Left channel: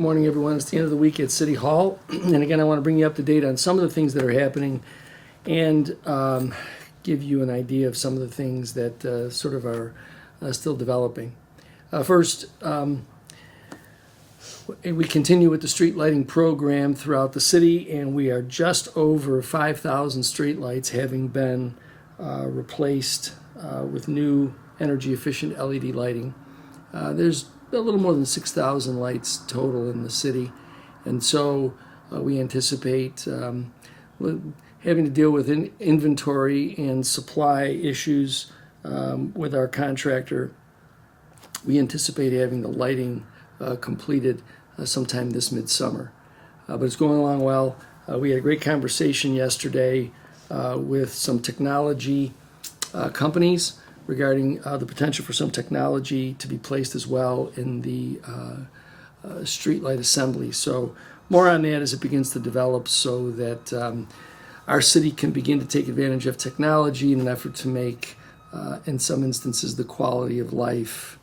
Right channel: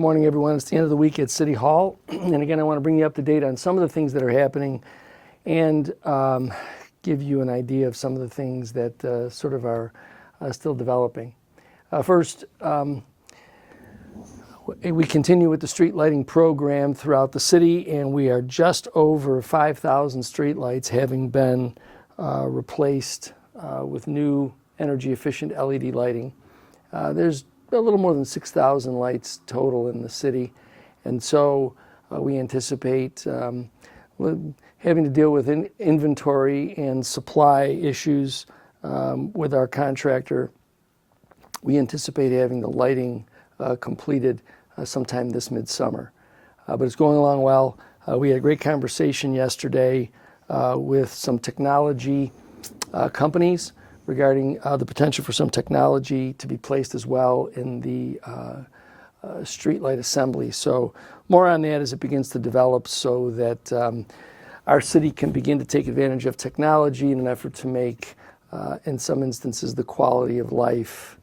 Morning, everyone. It's the end of the week at City Hall. And again, I want to bring you up to date on some of the things that are happening and give you an idea of some of the things that sort of are still developing. First, we continue with the street lighting program throughout the city, and we are just over 5,000 street lights having been replaced with new energy efficient LED lighting. There's a little more than 6,000 lights total in the city, and so we anticipate having to deal with inventory and supply issues with our contractor. We anticipate having the lighting completed sometime this midsummer, but it's going along well. We had a great conversation yesterday with some technology companies regarding the potential for some technology to be placed as well in the streetlight assembly. So more on that as it begins to develop, so that our city can begin to take advantage of technology in an effort to make, in some instances, the quality of life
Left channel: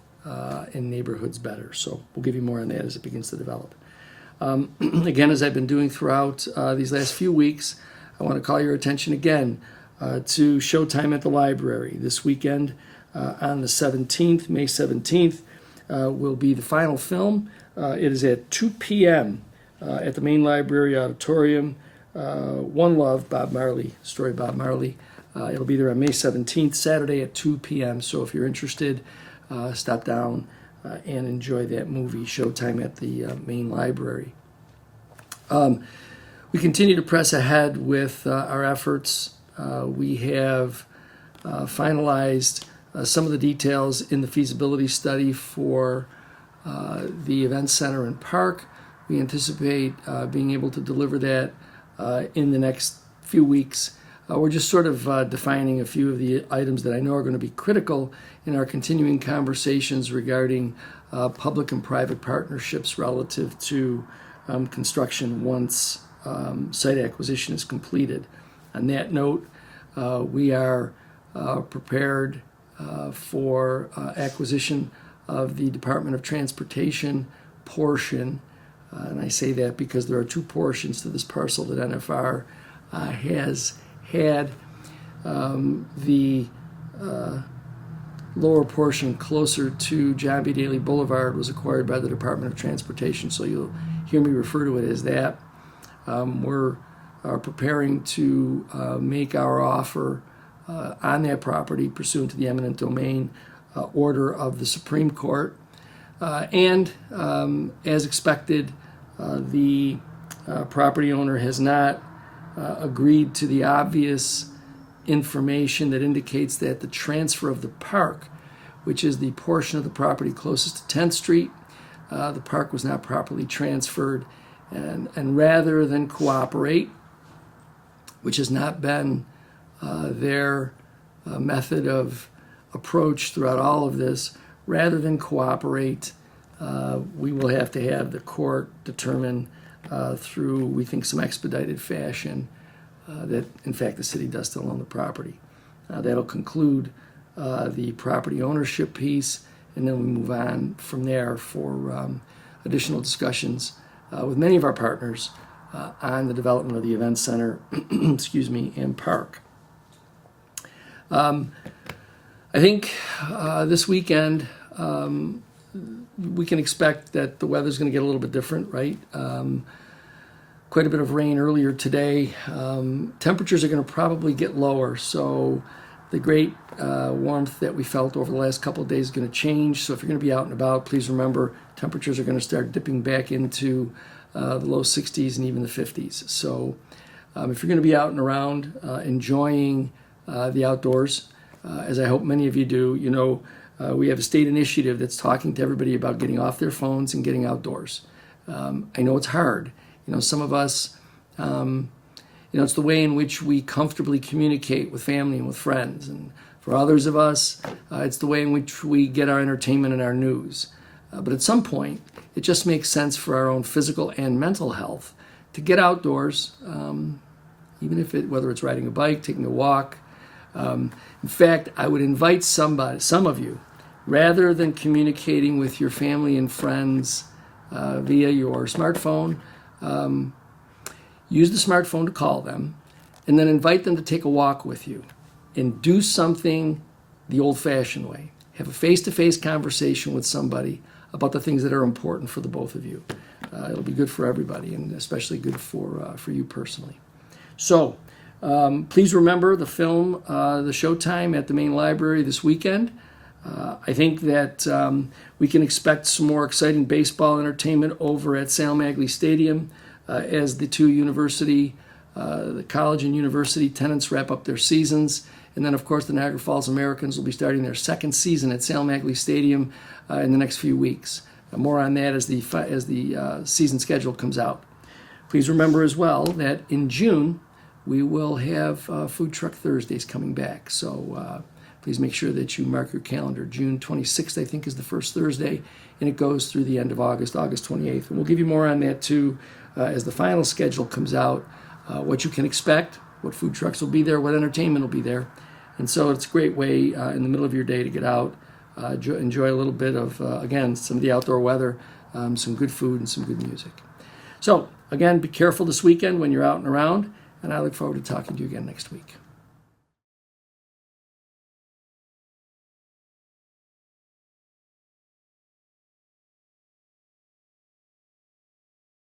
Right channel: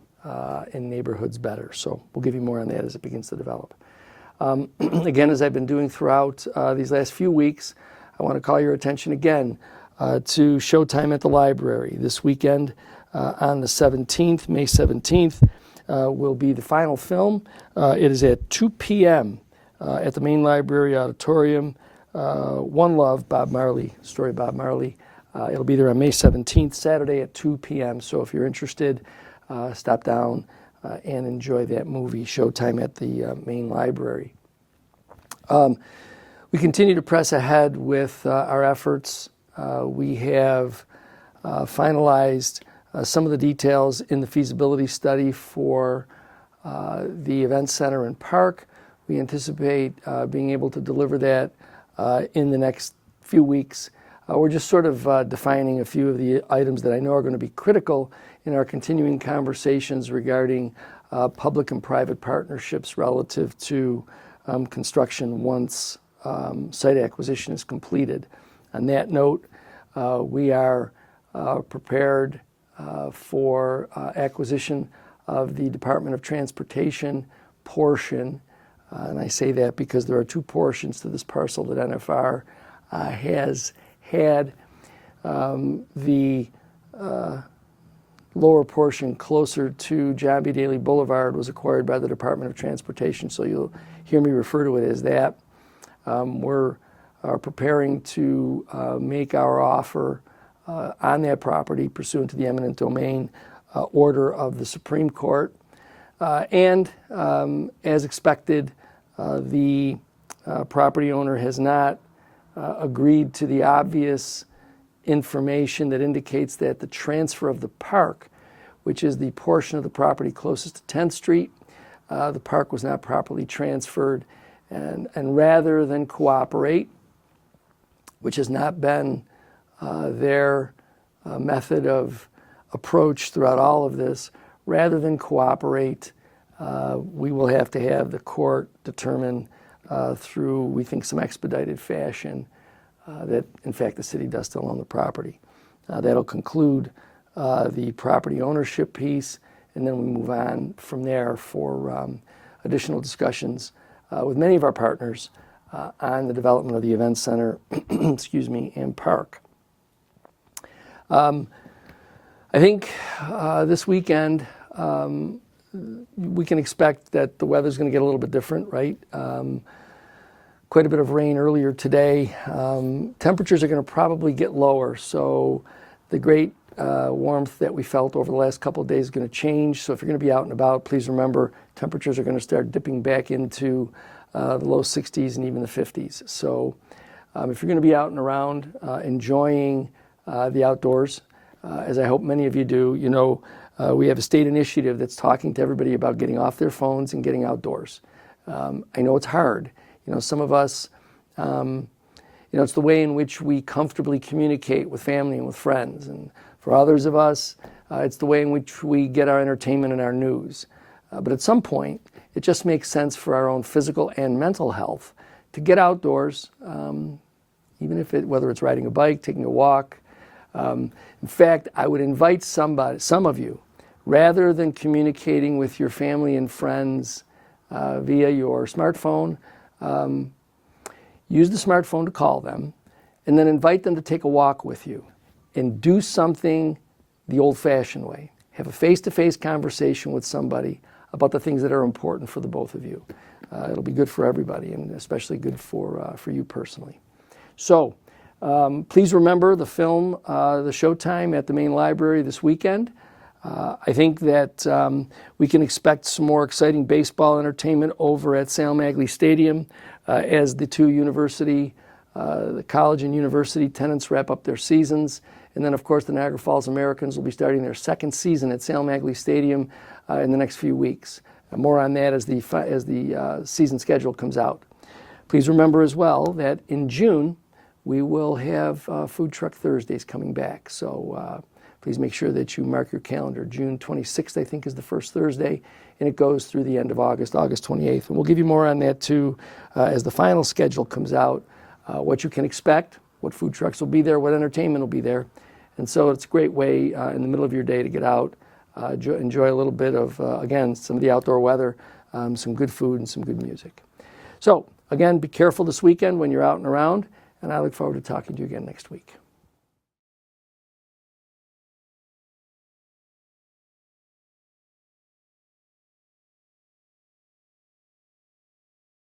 in neighborhoods better. So we'll give you more on that as it begins to develop. Again, as I've been doing throughout these last few weeks, I want to call your attention again to Showtime at the Library. This weekend on the 17th, May 17th, will be the final film. It is at 2 p.m. At the main library auditorium. One Love, Bob Marley, story Bob Marley. It'll be there on May 17th, Saturday at 2 p.m. So if you're interested, stop down and enjoy that movie, Showtime at the main library. We continue to press ahead with our efforts. We have finalized some of the details in the feasibility study for the event center and park. We anticipate being able to deliver that in the next few weeks. We're just sort of defining a few of the items that I know are going to be critical in our continuing conversations regarding public and private partnerships relative to construction once site acquisition is completed. On that note, we are prepared for acquisition of the Department of Transportation portion. And I say that because there are two portions to this parcel that NFR has had. The lower portion closer to John B. Daly Boulevard was acquired by the Department of Transportation, so you'll hear me refer to it as that. We're preparing to make our offer on that property pursuant to the eminent domain order of the Supreme Court. And as expected, the property owner has not agreed to the obvious information that indicates that the transfer of the park, which is the portion of the property closest to 10th Street, the park was not properly transferred. And rather than cooperate, which has not been their method of approach throughout all of this, rather than cooperate, we will have to have the court determine through, we think, some expedited fashion that, in fact, the city does still own the property. That'll conclude the property ownership piece, and then we move on from there for additional discussions with many of our partners on the development of the event center, excuse me, and park. I think this weekend we can expect that the weather's going to get a little bit different, right? Quite a bit of rain earlier today. Temperatures are going to probably get lower, so the great warmth that we felt over the last couple of days is going to change. So if you're going to be out and about, please remember temperatures are going to start dipping back into the low 60s and even the 50s. So if you're going to be out and around enjoying the outdoors, as I hope many of you do, you know, we have a state initiative that's talking to everybody about getting off their phones and getting outdoors. I know it's hard. You know, some of us, it's the way in which we comfortably communicate with family and with friends. And for others of us, it's the way in which we get our entertainment and our news. But at some point, it just makes sense for our own physical and mental health to get outdoors, even if whether it's riding a bike, taking a walk. In fact, I would invite some of you, rather than communicating with your family and friends via your smartphone. Use the smartphone to call them, and then invite them to take a walk with you and do something the old-fashioned way. Have a face-to-face conversation with somebody about the things that are important for the both of you. It'll be good for everybody, and especially good for you personally. So please remember the film, the showtime at the main library this weekend. I think that we can expect some more exciting baseball entertainment over at Sal Magley Stadium as the two the college and university tenants wrap up their seasons. And then, of course, the Niagara Falls Americans will be starting their second season at Sal Magley Stadium in the next few weeks. More on that as the season schedule comes out. Please remember as well that in June we will have Food Truck Thursdays coming back. So please make sure that you mark your calendar. June 26th, I think, is the first Thursday, and it goes through the end of August, August 28th. And we'll give you more on that, too, as the final schedule comes out, what you can expect, what food trucks will be there, what entertainment will be there. And so it's a great way in the middle of your day to get out, enjoy a little bit of, again, some of the outdoor weather, some good food, and some good music. So, again, be careful this weekend when you're out and around, and I look forward to talking to you again next week.